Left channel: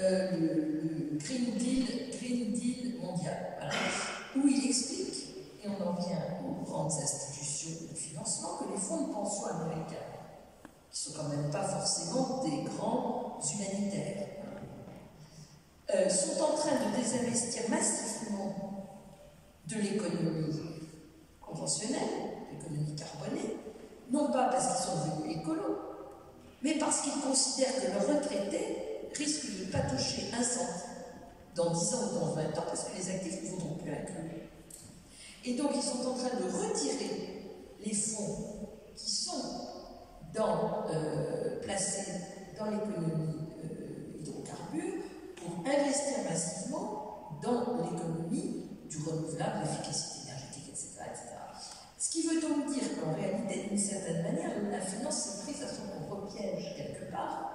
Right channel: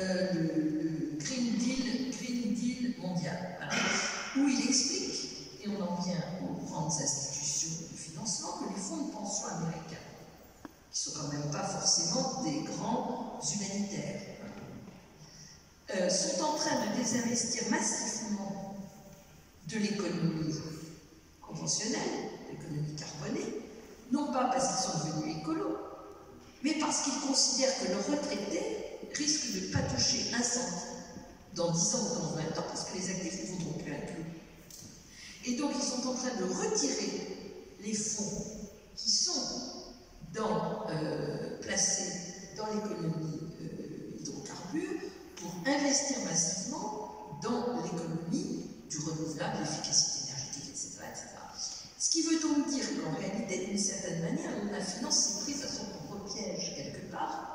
le Green Deal mondial, voilà, où il explique, et on en vient aux grandes institutions de financement, que les fonds de pension américains, qui ne sont quand même pas forcément des grands humanitaires, sont en train de désinvestir massivement de l'économie conventionnelle, l'économie carbonée, non pas parce qu'ils sont devenus écolos, mais parce qu'ils considèrent que leurs retraités risquent de ne pas toucher un centime dans 10 ans ou dans 20 ans, parce que les actifs ne vaudront plus un clou. Et donc, ils sont en train de retirer les fonds qui sont placés dans l'économie hydrocarbures pour investir massivement dans l'économie du renouvelable, l'efficacité énergétique, etc., etc. Ce qui veut donc dire qu'en réalité, d'une certaine manière, la finance s'est prise à son propre piège quelque part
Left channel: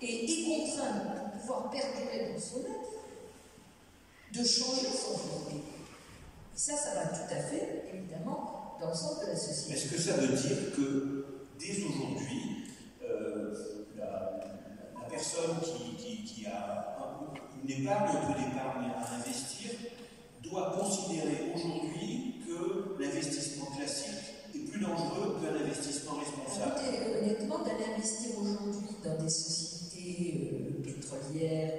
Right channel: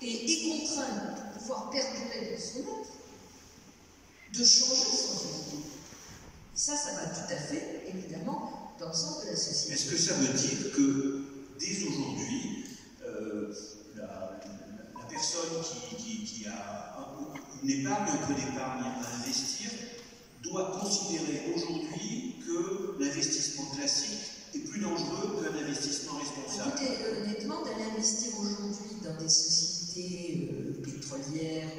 et est contrainte, pour pouvoir perdurer dans son être, de changer son société. Et ça va tout à fait, évidemment, dans le sens de la société. Est-ce que ça veut dire que, dès aujourd'hui, la personne qui a une épargne, un peu d'épargne à investir, doit considérer aujourd'hui que l'investissement classique est plus dangereux qu'un investissement responsable? Écoutez, honnêtement, d'aller investir aujourd'hui dans des sociétés pétrolières,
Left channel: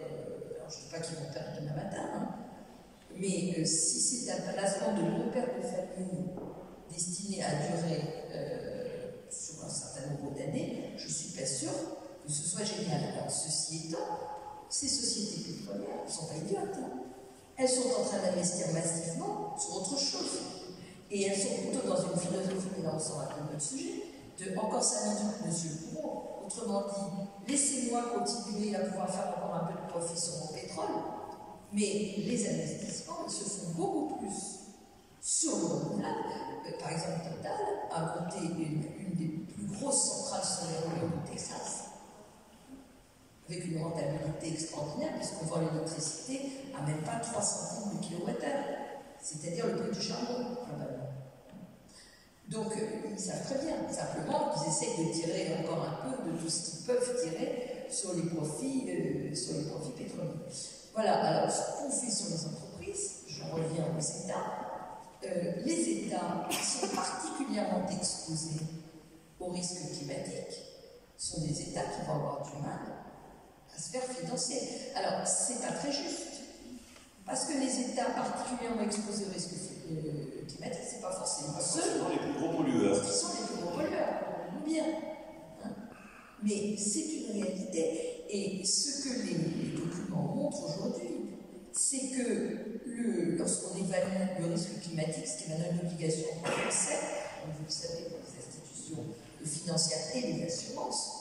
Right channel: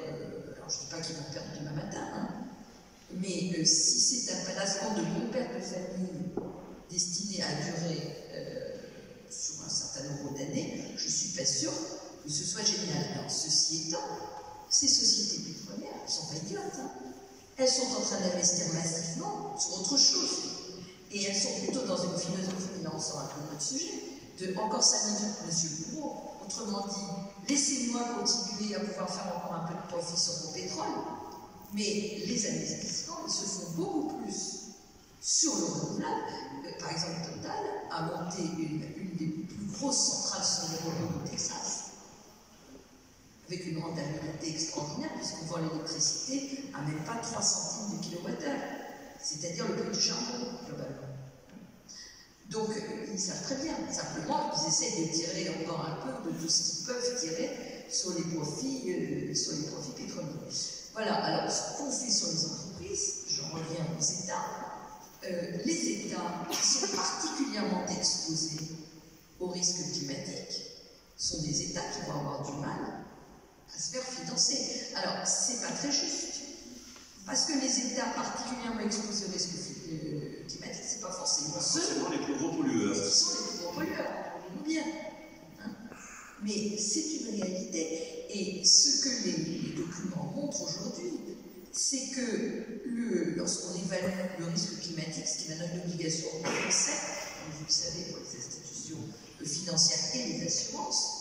alors je ne dis pas qu'ils vont perdre demain matin, hein, mais si c'est un placement de mon père de famille destiné à durer sur un certain nombre d'années, je ne suis pas sûre que ce soit génial. Alors, ceci étant, ces sociétés pétrolières, elles ne sont pas idiotes, hein. Elles sont en train d'investir massivement sur autre chose. Et elles sont plutôt dans une philosophie, là on sort un peu de notre sujet, de encore 5 minutes, monsieur le bourreau. Autrement dit, laissez-moi continuer à pouvoir faire encore un peu de profit sur mon pétrole, mais les investissements, ils se font beaucoup plus sur le renouvelable. Par exemple, Total a monté une des plus grosses centrales solaires du Texas, avec une rentabilité extraordinaire, puisqu'on vend l'électricité à même pas 3 centimes du kilowattheure, c'est-à-dire le prix du charbon, globalement. Donc, ils savent très bien, simplement qu'ils essayent de tirer encore un peu de tout ce qu'ils peuvent tirer sur les profits pétroliers. Voilà, alors ce qu'on fait sur les entreprises, j'en reviens aux États, les États qui sont particulièrement exposés aux risques climatiques sont des États qui vont avoir du mal à se faire financer. Alors, c'est pas très juste, parce que les États particulièrement exposés aux risques climatiques, c'est pas forcément ceux les plus gros pollueurs. Qui sont les plus gros pollueurs, comprenez-nous bien. Hein, mais c'est une réalité, et ce que les documents montrent aujourd'hui, c'est que lorsqu'on évalue le risque climatique, ce qui est maintenant une obligation française, comme vous le savez, pour les institutions financières et les assurances,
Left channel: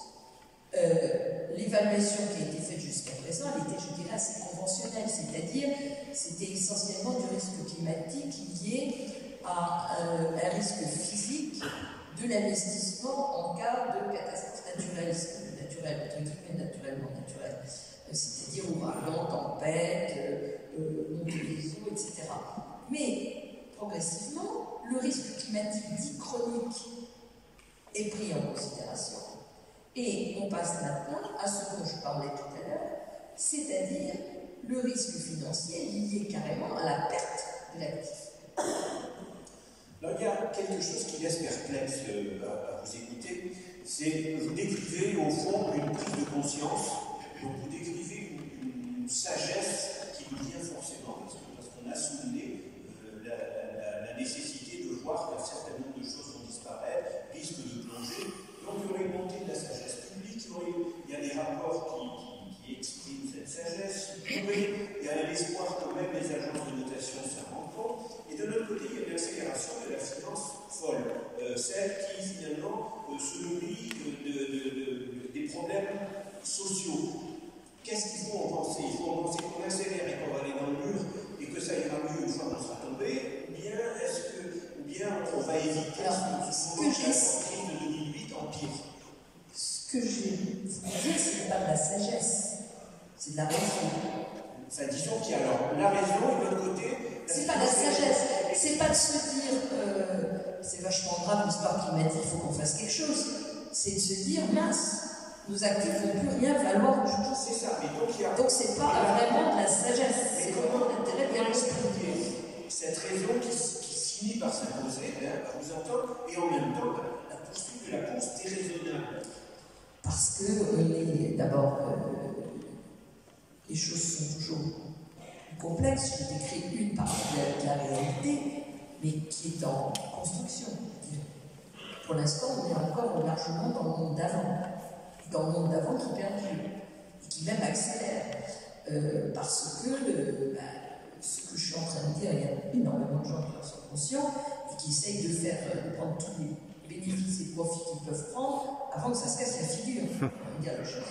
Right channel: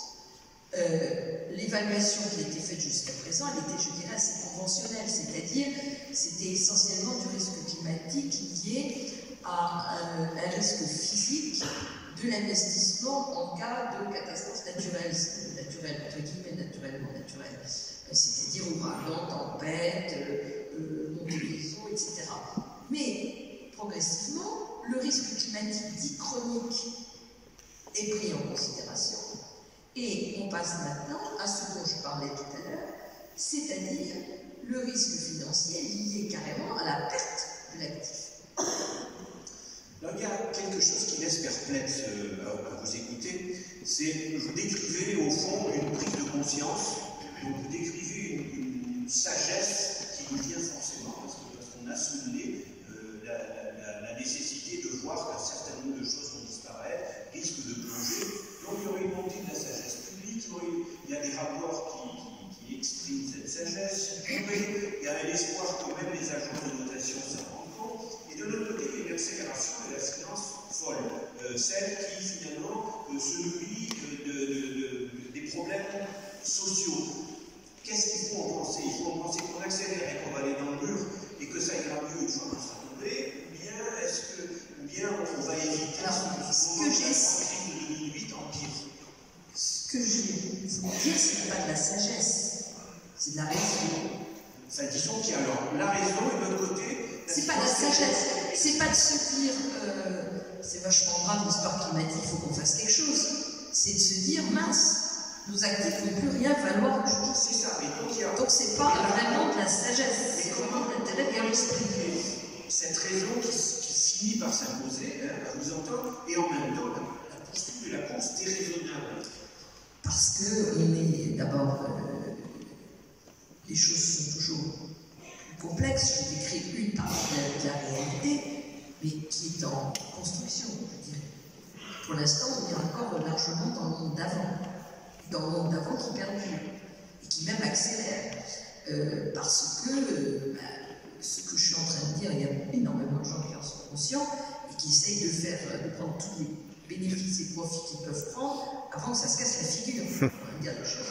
l'évaluation qui a été faite jusqu'à présent, elle était, je dirais, assez conventionnelle, c'est-à-dire c'était essentiellement du risque climatique lié à un risque physique de l'investissement en cas de catastrophe naturelle, entre guillemets, naturellement naturelle, c'est-à-dire ouragan, tempête, montée des eaux, etc. Mais progressivement, le risque climatique dit chronique est pris en considération. Et on passe maintenant à ce dont je parlais tout à l'heure, c'est-à-dire le risque financier lié carrément à la perte de l'actif. Là, il y a quelque chose qui laisse perplexe à vous écouter, c'est vous décrivez au fond une prise de conscience, donc vous décrivez une sagesse qui vous vient forcément, parce qu'on a souligné la nécessité de voir qu'un certain nombre de choses vont disparaître, risquent de plonger. Donc il y aurait une montée de la sagesse publique, il y a des rapports qui expriment cette sagesse, il y a l'espoir que même les agences de notation s'en rendent compte, et de l'autre côté, il y a une accélération de la finance folle, celle qui finalement se nourrit des problèmes sociaux. Qu'est-ce qu'il faut en penser? Il faut en penser qu'on accélère et qu'on va aller dans le mur, et que ça ira mieux une fois qu'on sera tombé, ou bien on va éviter ce que j'ai Ce que je vais vous dire, ce n'est pas de la sagesse, c'est de la raison. Ça, disons qu'il y a alors la raison et de l'autre côté. C'est pas de la sagesse, c'est pas de se dire c'est vachement grave l'histoire climatique, il faut qu'on fasse quelque chose. C'est de se dire mince, nos actifs ne vont plus rien valoir du tout. C'est ça, mais donc c'est pas vraiment de la sagesse, c'est vraiment de l'intérêt bien expliqué. Cette raison qui finit par s'imposer, à vous entendre, et en même temps la poursuite de la course déraisonnable. Parce que d'abord, les choses sont toujours plus complexes. Je décris une partie de la réalité, mais qui est en construction, je dirais. Pour l'instant, on est encore largement dans le monde d'avant qui perdure et qui même accélère. Parce que ce que je suis en train de dire, il y a énormément de gens qui en sont conscients et qui essayent de prendre tous les bénéfices et profits qu'ils peuvent prendre avant que ça se casse la figure. On va dire les choses,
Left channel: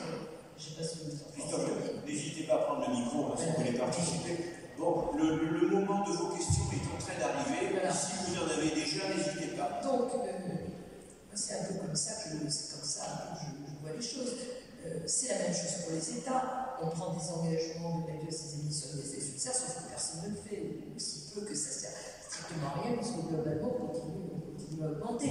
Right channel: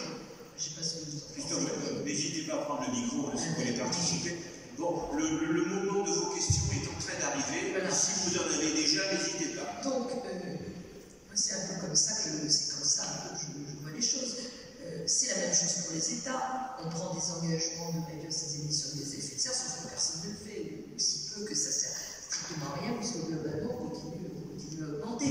je ne sais pas si vous en pensez. N'hésitez pas à prendre le micro si vous voulez participer. Bon, le moment de vos questions est en train d'arriver. Voilà. Si vous en avez déjà, n'hésitez pas. Donc, moi c'est un peu comme ça que je vois les choses. C'est la même chose pour les États. On prend des engagements de réduire ces émissions de gaz à effet de serre, sauf que personne ne le fait, ou si peu que ça sert strictement à rien, parce que globalement, on continue à augmenter.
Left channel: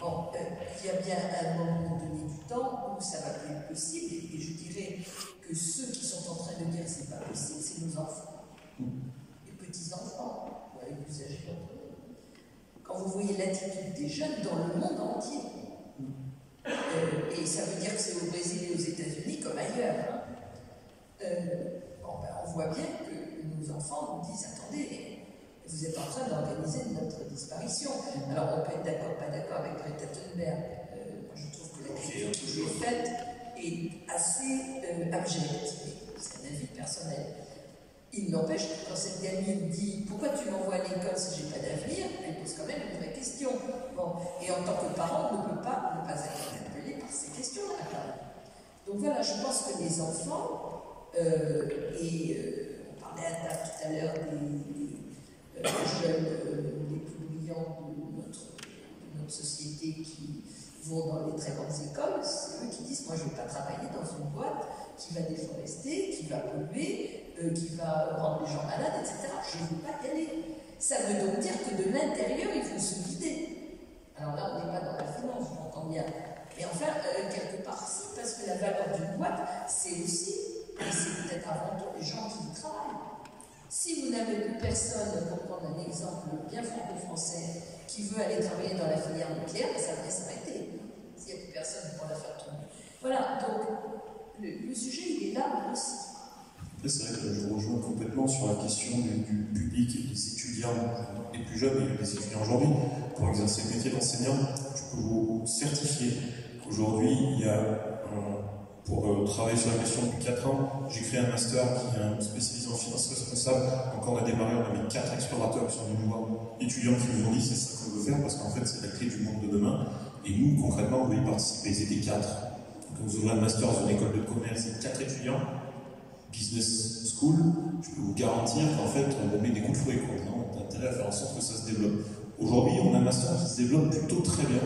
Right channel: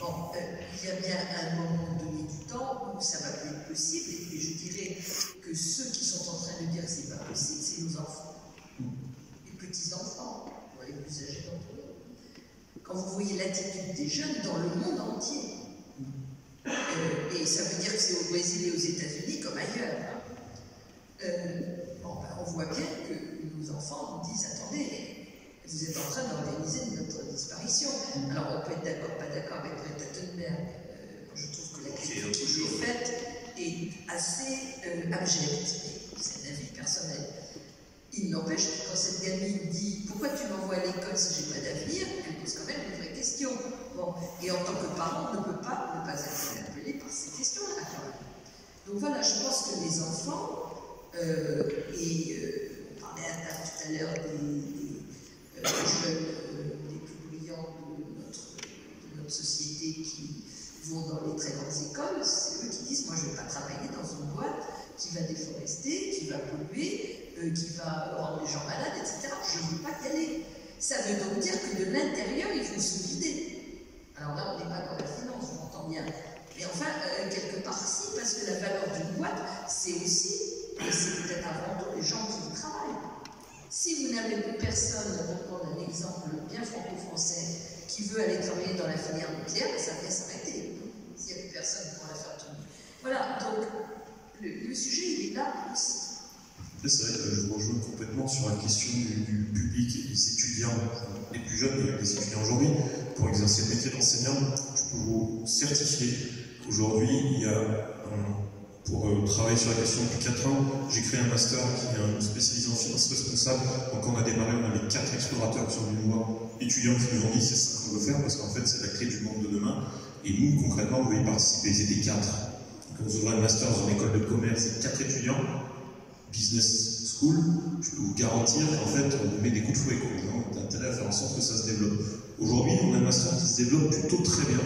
Bon, il y a bien un moment donné du temps où ça va plus être possible, et je dirais que ceux qui sont en train de dire que c'est pas possible, c'est nos enfants, les petits-enfants, ou les plus âgés d'entre eux. Quand vous voyez l'attitude des jeunes dans le monde entier, et ça veut dire que c'est au Brésil et aux États-Unis comme ailleurs. On voit bien que nos enfants nous disent attendez, vous êtes en train d'organiser notre disparition. Alors on peut être d'accord, pas d'accord avec Greta Thunberg. Je trouve que la critique qui est faite est assez abjecte. C'est un avis personnel. Il n'empêche que quand cette gamine dit pourquoi tu m'envoies à l'école si j'ai pas d'avenir, elle pose quand même une vraie question. Bon, et en tant que parent, on ne peut pas ne pas être interpellé par ces questions-là. Donc voilà, je pense que les enfants, on parlait tout à l'heure des jeunes les plus brillants de notre société qui vont dans les très grandes écoles, c'est eux qui disent moi je ne vais pas travailler dans une boîte qui va déforester, qui va polluer, qui va rendre les gens malades, etc. Je ne veux pas y aller. Ça veut donc dire que de l'intérieur, il faut se vider. Alors là, on n'est pas dans la finance, je m'entends bien. Mais enfin, quelque part, si, parce que la valeur d'une boîte, c'est aussi, et c'est peut-être avant tout, les gens qui y travaillent. Si vous n'avez plus personne, pour prendre un exemple bien franco-français, qui veut aller travailler dans la filière nucléaire, ça va s'arrêter. S'il n'y a plus personne pour la faire tourner. Voilà, donc le sujet, il est là aussi. C'est vrai que je rejoins complètement sur la question du public et des étudiants, les plus jeunes et les étudiants aujourd'hui. Pour exercer le métier d'enseignant, je peux vous certifier qu'aujourd'hui, il y a, pour travailler sur la question depuis 4 ans, j'ai créé un master qui est spécialisé en finances responsables. Donc quand on a démarré, on avait 4 explorateurs qui sont venus nous voir, étudiants qui nous ont dit c'est ça qu'on veut faire, parce qu'en fait c'est la clé du monde de demain. Et nous, concrètement, on veut y participer. Ils étaient 4. Donc on ouvrait un master dans une école de commerce et 4 étudiants. Business School, je peux vous garantir qu'en fait, on met des coups de fouet. On a intérêt à faire en sorte que ça se développe. Aujourd'hui, on a un master qui se développe plutôt très bien,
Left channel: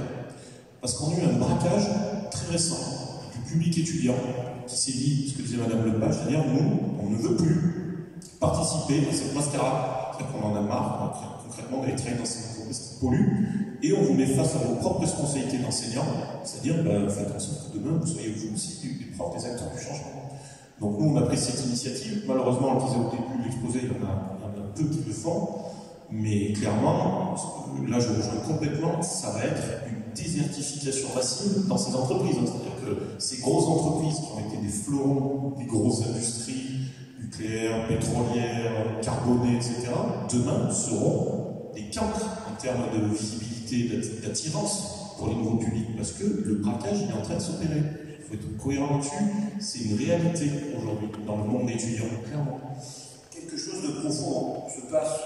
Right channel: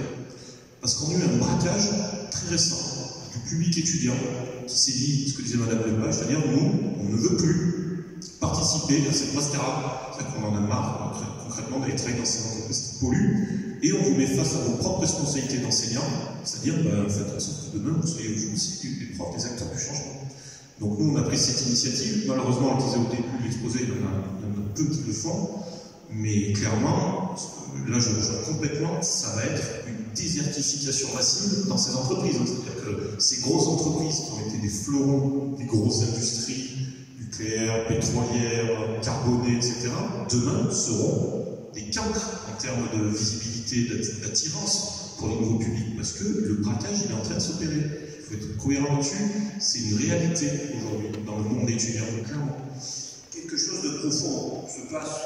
parce qu'on a eu un braquage très récent du public étudiant qui s'est dit, ce que disait Madame Lepage, c'est-à-dire, nous, on ne veut plus participer à cette mascarade. C'est-à-dire qu'on en a marre, concrètement, d'aller travailler dans ces entreprises qui polluent, et on vous met face à vos propres responsabilités d'enseignant, c'est-à-dire, faites en sorte que demain, vous soyez vous aussi des profs, des acteurs du changement. Donc nous, on a pris cette initiative. Malheureusement, on le disait au début de l'exposé, il y en a peu qui le font. Mais clairement, là je rejoins complètement, ça va être une désertification massive dans ces entreprises. C'est-à-dire que ces grosses entreprises qui ont été des fleurons des grosses industries, nucléaires, pétrolières, carbonées, etc., demain seront des cancres en termes de visibilité, d'attirance pour les nouveaux publics. Parce que le braquage, il est en train de s'opérer. Il faut être cohérent là-dessus, c'est une réalité aujourd'hui dans le monde étudiant, clairement. Quelque chose de profond se passe